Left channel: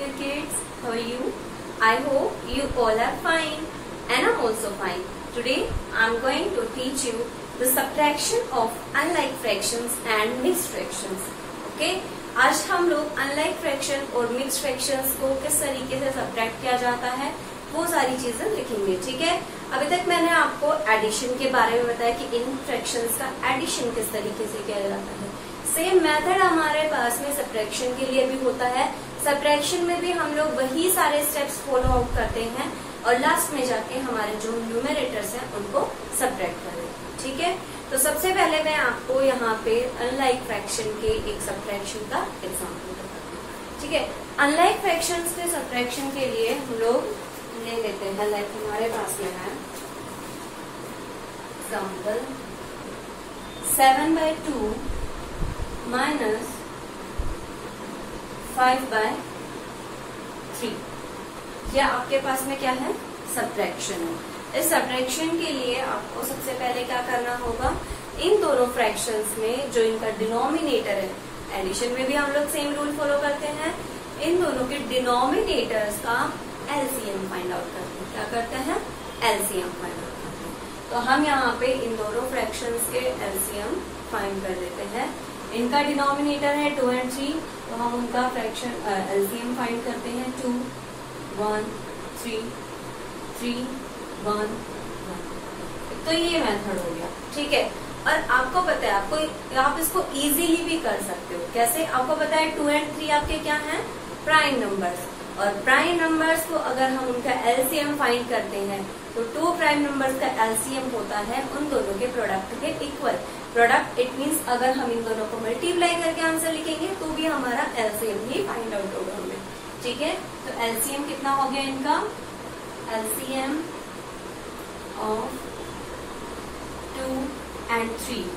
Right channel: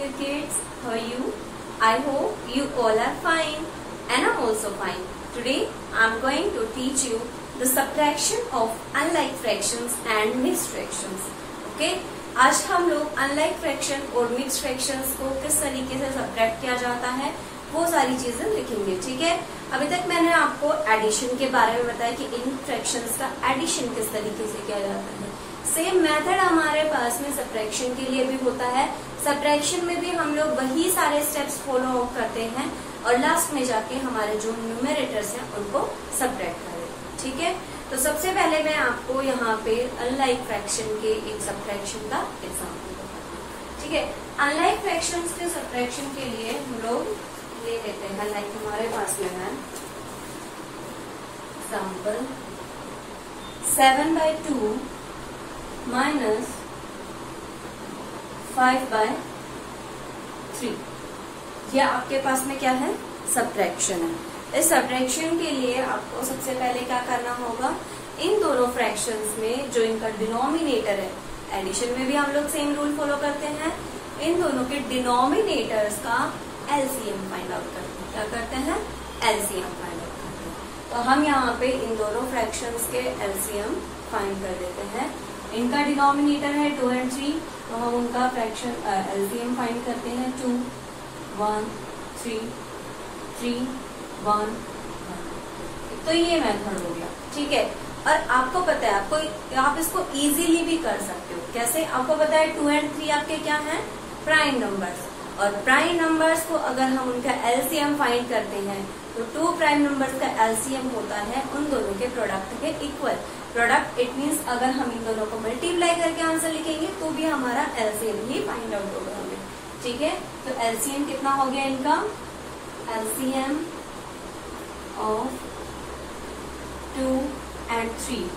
dear kids, how are you? I hope you all are fine and I'm also fine. Today I'm going to teach you the subtraction of unlike fractions and mixed fractions. Okay? आज हम लोग unlike fraction और mixed fractions को किस तरीके से subtract किया जाता है वो सारी चीजें लिखेंगे. ठीक है. अभी तक मैंने आपको एडिशन के बारे में बताया कि इन फ्रैक्शंस का एडिशन किस तरीके से किया जाता है. सेम मेथड हमारे पास में सब्ट्रैक्शन के लिए भी होता है. सब्ट्रैक्शन में भी हम लोग वही सारे स्टेप्स फॉलो आउट करते हैं और लास्ट में जाके हमारे जो न्यूमरेटर्स हैं उनको सब्ट्रैक्ट करें. ठीक है. तो सबसे पहले मैं आपको यहाँ पे अनलाइक फ्रैक्शन के एक सब्ट्रैक्शन का एग्जाम्पल बताती हूँ. ठीक है. अनलाइक फ्रैक्शंस के सब्ट्रैक्शन के लिए हम लोग ले लेते हैं. लाइक हमारे पास में है एग्जाम्पल 7/2 माइनस 5/3. यह आपके पास में क्या है? सब्ट्रैक्शन है. इस सब्ट्रैक्शन के लिए आपको सबसे पहले क्या करना होगा, इन दोनों फ्रैक्शंस में जो इनका डिनोमिनेटर है, एडिशन में भी हम लोग सेम रूल फॉलो करते हैं, इन दोनों के डिनोमिनेटर्स का एलसीएम फाइंड आउट करते हैं. क्या करते हैं? एलसीएम फाइंड आउट करते हैं. तो हम यहाँ पे इन दोनों फ्रैक्शंस के एलसीएम फाइंड कर देते हैं. इनका डिनोमिनेटर है 2 और 3, तो हम उनका फ्रैक्शन एलसीएम फाइंड करते हैं. 2 1 3 3 1 1. तो ये मेथड हो गया. ठीक है. और आपको पता है, आप इसको इजीली भी कर सकते हो. कैसे? आपको पता है 2 और 3 आपके क्या हैं? Prime numbers. और प्राइम नंबर्स को अगर हम उनका एलसीएम फाइंड करते हैं तो 2 प्राइम नंबर्स का एलसीएम होता है उन दोनों के प्रोडक्ट के इक्वल. प्रोडक्ट इट मीन्स अगर हम इन दोनों को मल्टीप्लाई करके आंसर लिखेंगे तो भी हमारा एलसीएम ही फाइंड आउट होगा हमें. ठीक है. तो एलसीएम कितना हो गया इनका? LCM of 2 and 3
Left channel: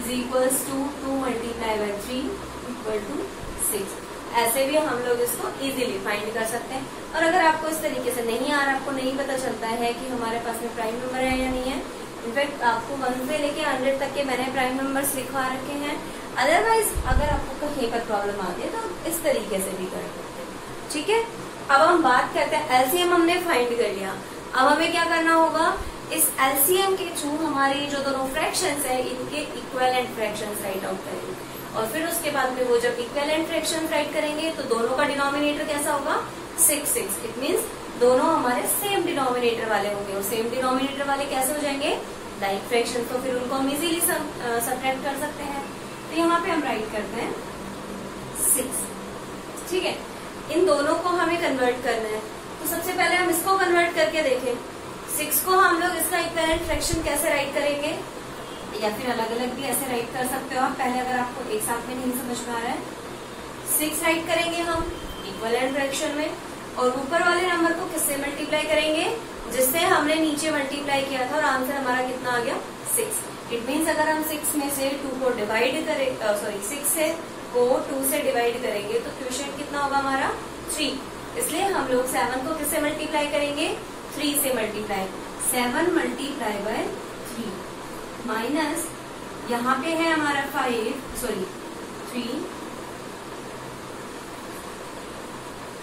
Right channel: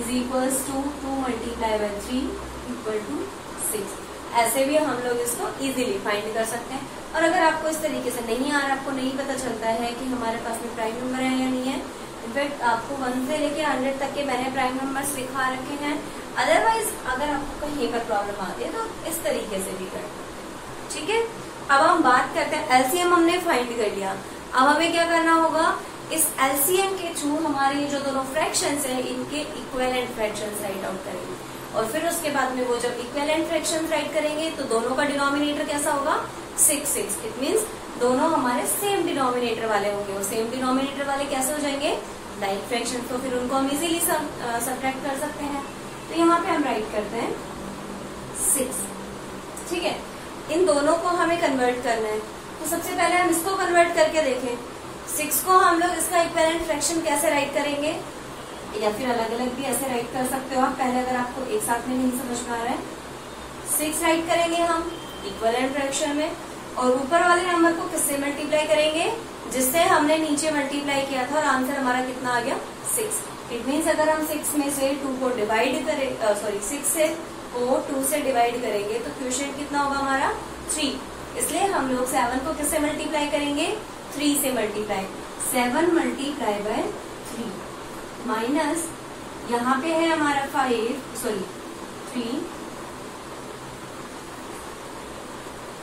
is equals to 2 multiplied by 3 equal to 6. ऐसे भी हम लोग इसको इजीली फाइंड कर सकते हैं. और अगर आपको इस तरीके से नहीं आ रहा, आपको नहीं पता चलता है कि हमारे पास में प्राइम नंबर है या नहीं है, इनफैक्ट आपको 1 से लेके 100 तक के मैंने प्राइम नंबर्स लिखवा रखे हैं. अदरवाइज अगर आपको कहीं पर प्रॉब्लम आती है तो इस तरीके से भी कर सकते हैं. ठीक है. अब हम बात करते हैं, एलसीएम हमने फाइंड कर लिया. अब हमें क्या करना होगा, इस एलसीएम के थ्रू हमारे जो दोनों फ्रैक्शंस है इनके इक्विवेलेंट फ्रैक्शंस राइट आउट करेंगे. और फिर उसके बाद में वो जब इक्विवेलेंट फ्रैक्शंस राइट करेंगे तो दोनों का डिनोमिनेटर कैसा होगा? 6 6. इट मीन्स दोनों हमारे सेम डिनोमिनेटर वाले होंगे. और सेम डिनोमिनेटर वाले कैसे हो जाएंगे? Like fraction. तो फिर उनको हम इजीली सब्ट्रैक्ट कर सकते हैं. तो यहाँ पे हम राइट करते हैं 6. ठीक है. इन दोनों को हमें कन्वर्ट करना है. तो सबसे पहले हम इसको कन्वर्ट करके देखें. 6 को हम लोग इसका इक्विवेलेंट फ्रैक्शन कैसे राइट करेंगे, या फिर अलग अलग भी ऐसे राइट कर सकते हो आप. पहले अगर आपको एक साथ में नहीं समझ में आ रहा है, 6 राइट करेंगे हम इक्विवेलेंट फ्रैक्शन में, और ऊपर वाले नंबर को किससे मल्टीप्लाई करेंगे? जिससे हमने नीचे मल्टीप्लाई किया था, और आंसर हमारा कितना आ गया? 6. इट मीन्स अगर हम 6 में से 2 को डिवाइड करें, 6 से को 2 से डिवाइड करेंगे तो क्वोशिएंट कितना होगा हमारा? 3. इसलिए हम लोग 7 को किससे मल्टीप्लाई करेंगे? 3 से मल्टीप्लाई. 7 मल्टीप्लाई बाय 3 माइनस यहाँ पे है हमारा 3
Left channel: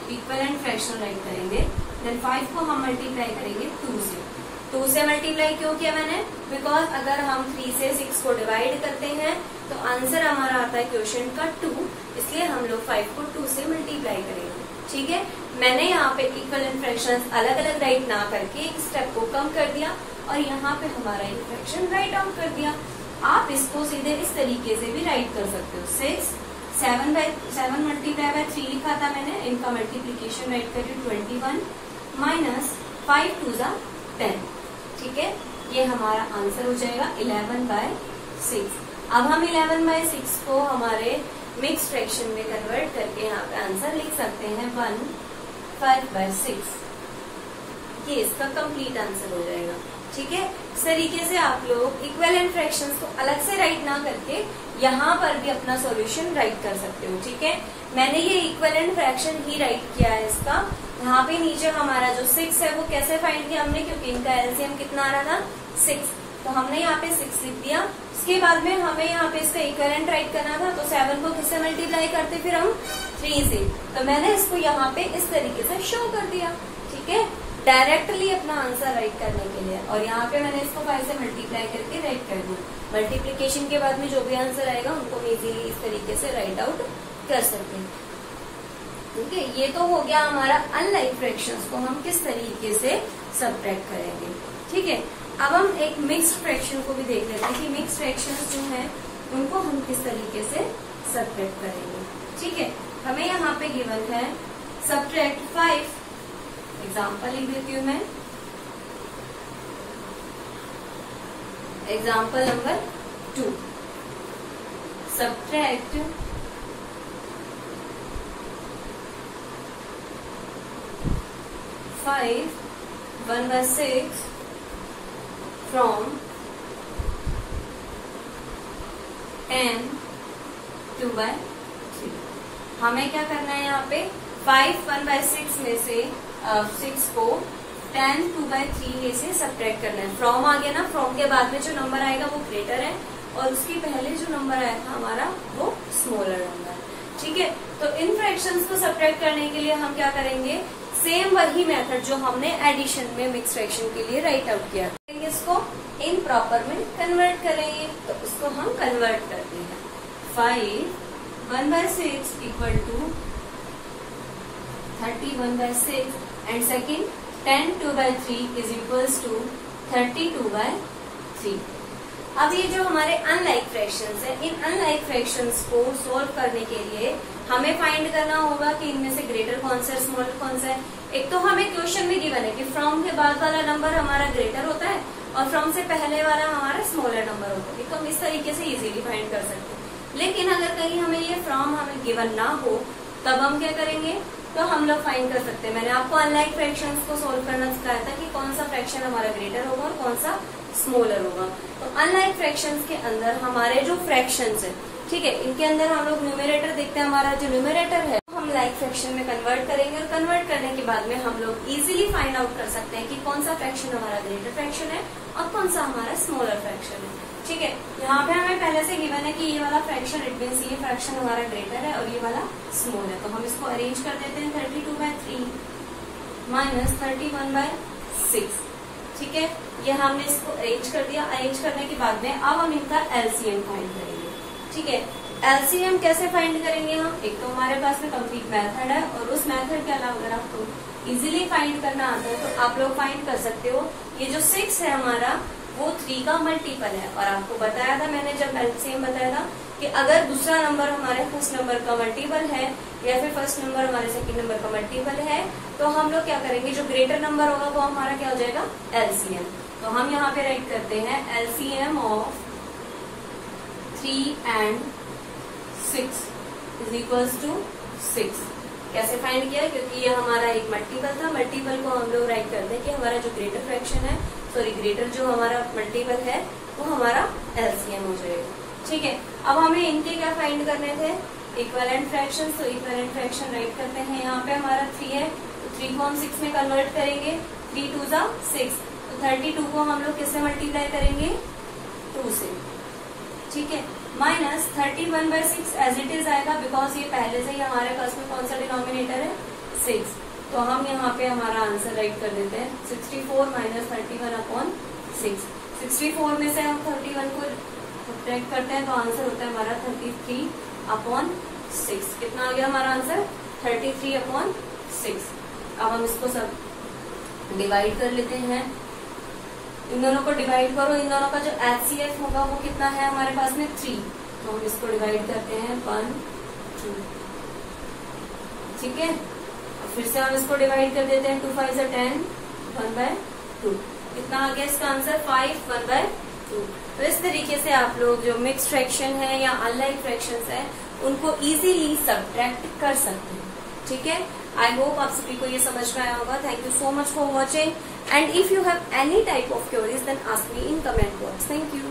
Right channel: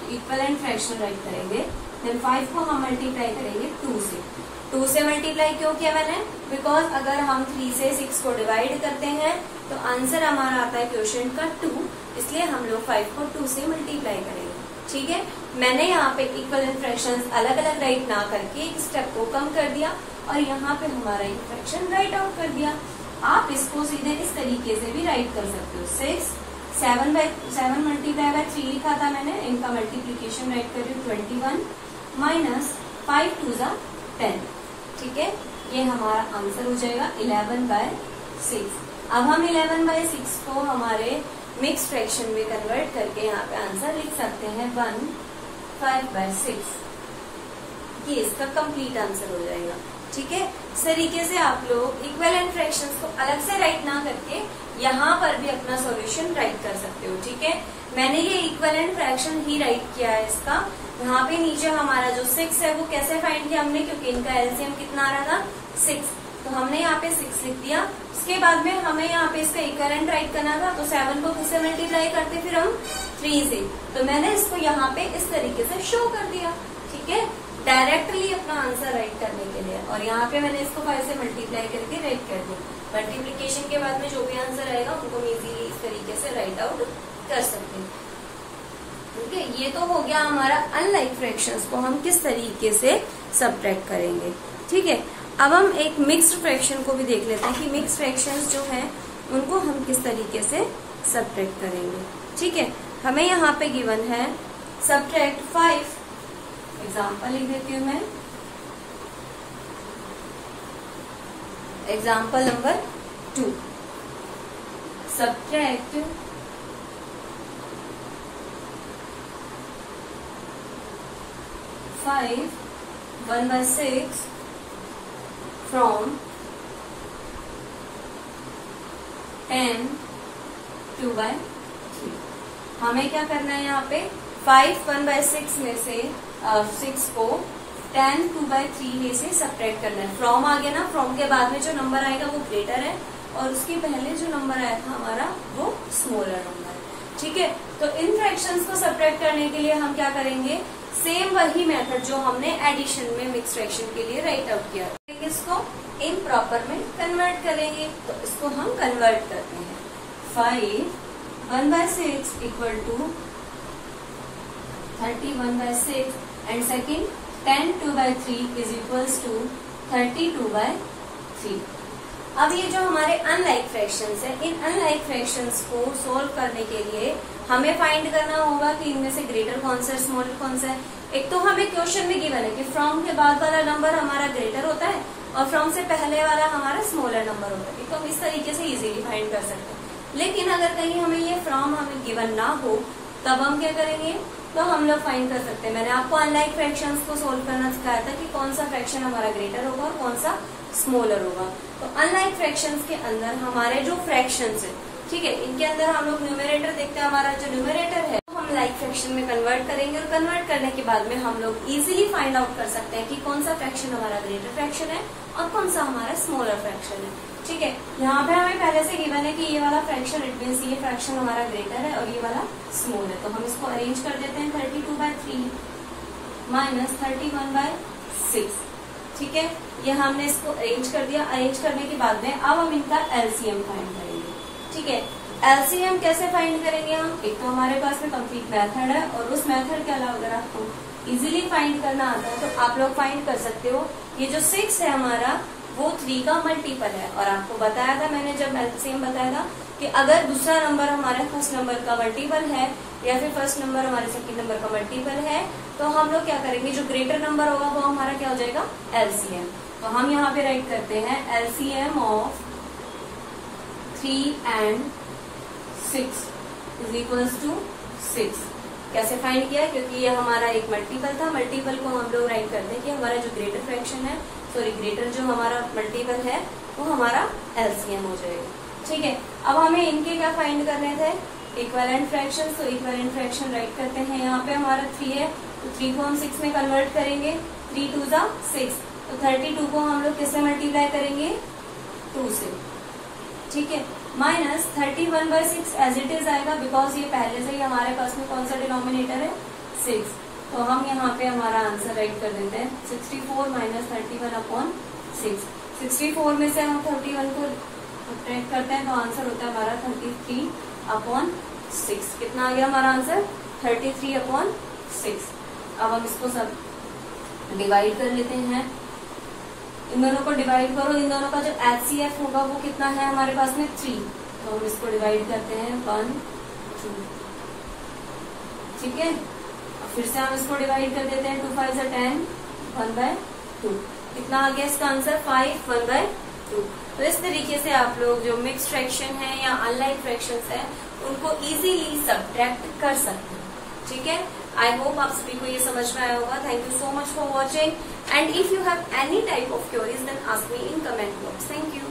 इक्विवेलेंट फ्रैक्शन राइट करेंगे. देन 5 को हम मल्टीप्लाई करेंगे 2 से. 2 से मल्टीप्लाई क्यों किया मैंने? बिकॉज अगर हम 3 से 6 को डिवाइड करते हैं तो आंसर हमारा आता है क्वोशिएंट का 2. इसलिए हम लोग 5 को 2 से मल्टीप्लाई करेंगे. ठीक है. मैंने यहाँ पे इक्विवेलेंट फ्रैक्शंस अलग अलग राइट ना करके एक स्टेप को कम कर दिया और यहाँ पे हमारा एक फ्रैक्शन राइट आउट कर दिया. आप इसको सीधे इस तरीके से भी राइट कर सकते हो. 7 मल्टीप्लाई बाय 3 लिखा था मैंने, इनका मल्टीप्लीकेशन राइट कर रही हूँ 21 माइनस 5 2 जा 10. ठीक है. ये हमारा आंसर हो जाएगा 11/6. अब हम 11/6 को हमारे मिक्स फ्रैक्शन में कन्वर्ट करके यहाँ पे आंसर लिख सकते हैं 1/5/6. ये इसका कंप्लीट आंसर हो जाएगा. ठीक है. इस तरीके से आप लोग इक्विवेलेंट फ्रैक्शंस को अलग से राइट ना करके यहाँ पर भी अपना सॉल्यूशन राइट कर सकते हो. ठीक है. मैंने ये इक्विवेलेंट फ्रैक्शन ही राइट किया है इसका. यहाँ पे नीचे हमारा जो 6 है वो कैसे फाइंड किया हमने, क्योंकि इनका एलसीएम कितना आ रहा था? 6. तो हमने यहाँ पे 6 लिख दिया। उसके बाद में हमें यहाँ पे इसका इक्विवेलेंट राइट करना था, तो 7 को किससे मल्टीप्लाई करते फिर हम 3 से। तो मैंने इसको यहाँ पे इस तरीके से शो कर दिया, ठीक है, डायरेक्टली अपना आंसर राइट करने के लिए। और यहाँ पे मैंने इसको 5 से मल्टीप्लाई करके राइट कर दिया। मल्टीप्लीकेशन के बाद में जो भी आंसर आएगा उनको हम इजीली इस तरीके से राइट आउट कर सकते हैं, ठीक है। ये तो हो गया हमारा अनलाइक फ्रैक्शंस को हम किस तरीके से सबट्रैक्ट करेंगे, ठीक है। अब हम एक मिक्स्ड फ्रैक्शन को भी देख लेते हैं कि मिक्स्ड फ्रैक्शंस जो है उनको हम किस तरीके से सबट्रैक्ट करेंगे, ठीक है। हमें यहाँ पे गिवन है सबट्रैक्ट 5, एग्जाम्पल लिख देती हूँ मैं, एग्जाम्पल नंबर 2, सबट्रैक्ट 5 1/6 from 10 2/3। हमें क्या करना है यहाँ पे 5 1/6 में से 6 को 10 2/3 से सबट्रैक्ट करना है। फ्रॉम आ गया ना, फ्रॉम के बाद में जो नंबर आएगा वो ग्रेटर है और उसके पहले जो नंबर आया था हमारा वो स्मॉलर नंबर, ठीक है। तो इन फ्रैक्शंस को सबट्रैक्ट करने के लिए हम क्या करेंगे, सेम वही मेथड जो हमने एडिशन में मिक्स फ्रैक्शन के लिए राइट आउट किया, इसको इम्प्रॉपर में कन्वर्ट करेंगे। तो इसको हम कन्वर्ट करते हैं। 5 1/6 equal to 31/6 and second 10 2/3 is equals to 32/3। अब ये जो हमारे अनलाइक फ्रैक्शंस है, इन अनलाइक फ्रैक्शंस को सोल्व करने के लिए हमें फाइंड करना होगा कि इनमें से ग्रेटर कौन सा है, स्मॉलर कौन सा है। एक तो हमें क्वेश्चन में गिवन है कि फ्रॉम के बाद वाला नंबर हमारा ग्रेटर होता है और फ्रॉम से पहले वाला हमारा स्मॉलर नंबर होता है, तो हम इस तरीके से इजीली फाइंड कर सकते हैं। लेकिन अगर कहीं हमें ये फ्रॉम हमें गिवन ना हो तब हम क्या करेंगे, तो हम लोग फाइंड कर सकते हैं। मैंने आपको अनलाइक फ्रैक्शंस को सोल्व करना सिखाया था कि कौन सा फ्रैक्शन हमारा ग्रेटर होगा और कौन सा स्मॉलर होगा। तो अनलाइक फ्रैक्शंस के अंदर हमारे जो फ्रैक्शंस है, ठीक है, इनके अंदर हम लोग न्यूमरेटर देखते हैं, हमारा जो न्यूमरेटर है हम लाइक फ्रैक्शन में कन्वर्ट करेंगे और कन्वर्ट करने के बाद में हम लोग इजीली फाइंड आउट कर सकते हैं कि कौन सा फ्रैक्शन हमारा ग्रेटर फ्रैक्शन है और कौन सा हमारा स्मॉलर फ्रैक्शन है, ठीक है। यहाँ पे हमें पहले से गिवन है कि ये वाला फ्रैक्शन इट मीन्स ये फ्रैक्शन हमारा ग्रेटर है और ये वाला स्मॉल है। तो हम इसको अरेंज कर देते हैं 32/3 माइनस 31/6, ठीक है। ये हमने इसको अरेंज कर दिया। अरेंज करने के बाद में अब हम इनका एलसीएम फाइंड करेंगे, ठीक है। एलसीएम कैसे फाइंड करेंगे हम, एक तो हमारे पास में कंप्लीट मेथड है और उस मेथड के अलावा अगर आपको इजीली फाइंड करना आता है तो आप लोग फाइंड कर सकते हो। ये जो 6 है हमारा वो 3 का मल्टीपल है और आपको बताया था मैंने जब एलसीएम बताया था कि अगर दूसरा नंबर हमारे फर्स्ट नंबर का मल्टीपल है या फिर फर्स्ट नंबर हमारे सेकंड नंबर का मल्टीपल है तो हम लोग क्या करेंगे, जो ग्रेटर नंबर होगा वो हमारा क्या हो जाएगा, एलसीएम। तो हम यहाँ पे राइट करते हैं LCM of 3 and 6 is equals to 6। कैसे फाइंड किया, क्योंकि ये हमारा एक मल्टीपल था, मल्टीपल को हम लोग राइट करते हैं कि हमारा जो ग्रेटर फ्रैक्शन है, सॉरी ग्रेटर जो हमारा मल्टीपल है वो हमारा एलसीएम हो जाएगा, ठीक है। अब हमें इनके क्या फाइंड करने थे, इक्विवेलेंट फ्रैक्शन। तो इक्विवेलेंट फ्रैक्शन राइट करते हैं। यहाँ पे हमारा 3 है तो 3 को हम 6 में कन्वर्ट करेंगे, 3 2 6। तो 32 को हम लोग किससे मल्टीप्लाई करेंगे, 2 से, ठीक है। माइनस 31/6 एज इट इज आएगा बिकॉज ये पहले से ही हमारे पास में कौन सा डिनोमिनेटर है, 6। तो हम यहाँ पे हमारा आंसर राइट कर देते हैं 64 माइनस 31/6। 64 में से हम 31 को सब्ट्रैक्ट करते हैं तो आंसर होता है हमारा 33/6। कितना आ गया हमारा आंसर, 33/6। अब हम इसको सब डिवाइड कर लेते हैं। इन दोनों को डिवाइड करो, इन दोनों का जो HCF होगा वो कितना है हमारे पास में 3। तो हम इसको डिवाइड करते हैं 1 2, ठीक है। अब फिर से हम इसको डिवाइड कर देते हैं 2 5 10 1/2। कितना आ गया इसका आंसर, 5 1/2। तो इस तरीके से आप लोग जो मिक्स्ड फ्रैक्शन है या अनलाइक फ्रैक्शंस है उनको इजीली सब्ट्रैक्ट कर सकते हैं, ठीक है। आई होप आप सभी को ये समझ में आया होगा। Thank you so much for watching and if you have any type of queries then ask me in comment box. Thank you.